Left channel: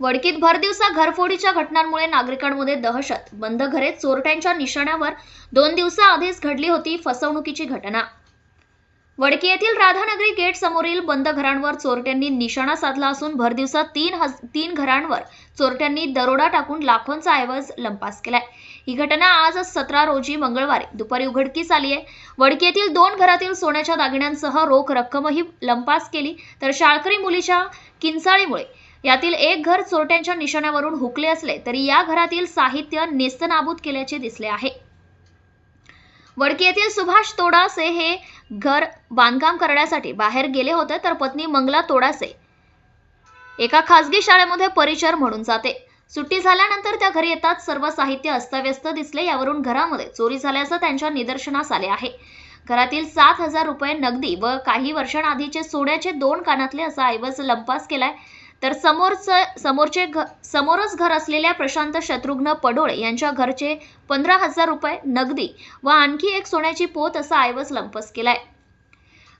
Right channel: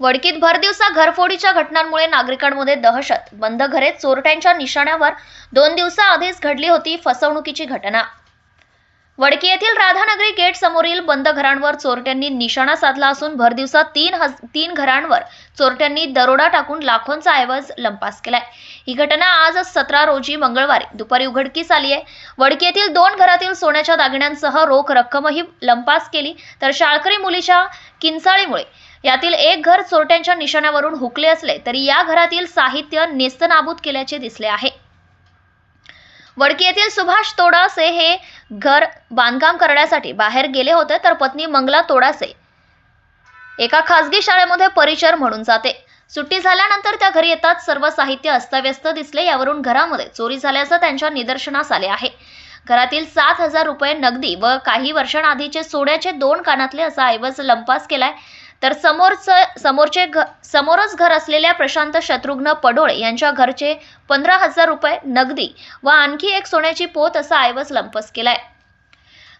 वडकीत भरदिवसा घरफोडीच्या घटनांमुळे नागरिकांमध्ये दहशत. बंद घरे चोरट्यांच्या निशाण्यावर दोन दिवसाआधीच घडली होती फसवणुकीची घटना. वडकी येथील राधानगरी गेट समोरील बंद घरांवर चोरट्यांनी निशाणा साधला असून भरदिवसा तीन हज तीन घरांवर चोरट्यांनी दरोडा टाकून लाखोंचा ऐवज लंपास केलाय. ही घटना आज सतरा रोजी मंगळवारी दुपारी उघडकीस आली आहे वडकी येथील दोन घरातील सोन्याच्या दागिन्यांसह रोख रक्कमही लंपास केली. तर शाळकरी मुलीच्या किंचाळीमुळे यातील एक घर चोरट्यांच्या निशाण्यावरून हुकले असले तरी या घरातील साहित्य नेस्तनाबूत केल्याचे दिसले आहे. वडकी येथील सुभाष तोडासे हे घर बांधकाम करण्यासाठी बाहेर गेले होते तर पत्नी मंगला तोडासे एका खासगी शाळेमध्ये परिचर म्हणून जाते. सुट्टी झाल्यानंतर त्या घरी येतात सर्व साहित्य अस्ताव्यस्त दिसले यावरून घरामध्ये चोरी झाल्याचं त्यांच्या निदर्शनास आले आहे. घरातील सात हजार रुपये नगदी व काही वर्षांआधीचे सोन्याचे दोन कानातले असा ऐवज लंपास केलाय. तर समोरचं समोरचे घ समोरच घर असलेल्या प्रशांत शत्रुघ्न पडोळे यांच्या घरचे पंधरा हजार रुपये नगदी व आणखी एक सोन्याची पोत असा ऐवज केला केलाय.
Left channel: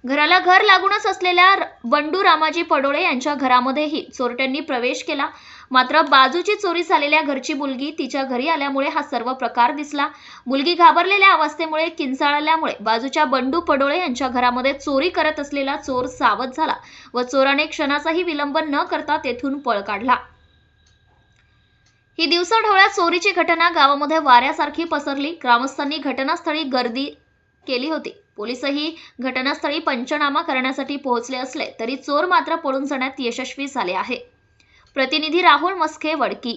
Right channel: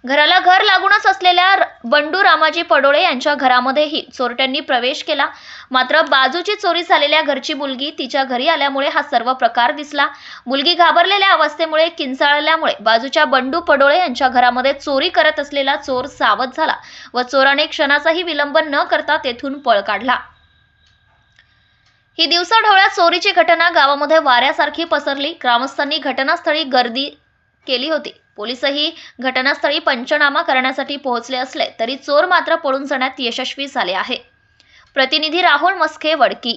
घराला घर लागूनच असलेल्या बंडू रामाजी पडोळे यांच्या घरामध्येही चोरट्यांनी प्रवेश केला. मात्र बाजूची चोरी झालेल्या घरची मुलगी तिच्या घरी आल्यामुळे हा सर्व प्रकार दिसला. मुलगी घाबरलेल्या अवस्थेमुळे किंचाळल्यामुळे बाजूच्या बंडू पडोळे यांच्या घरामध्ये चोरी करत असलेला चोर सावध झाला व चोराने क्षणाचाही विलंब न करता तेथून पळ काढला. ही दिवसाढवळ्या चोरीची घटना गावामध्ये वाऱ्यासारखी पसरली. ग्रामस्थांनी घटनास्थळी गर्दी केली होती. पोलीसही घटनास्थळी पंचनामा करण्यासाठी पोहोचले असले तरी चोर मात्र पळून जाण्यात यशस्वी झाले आहे. प्रतिनिधी राहुल मस्के वडकी.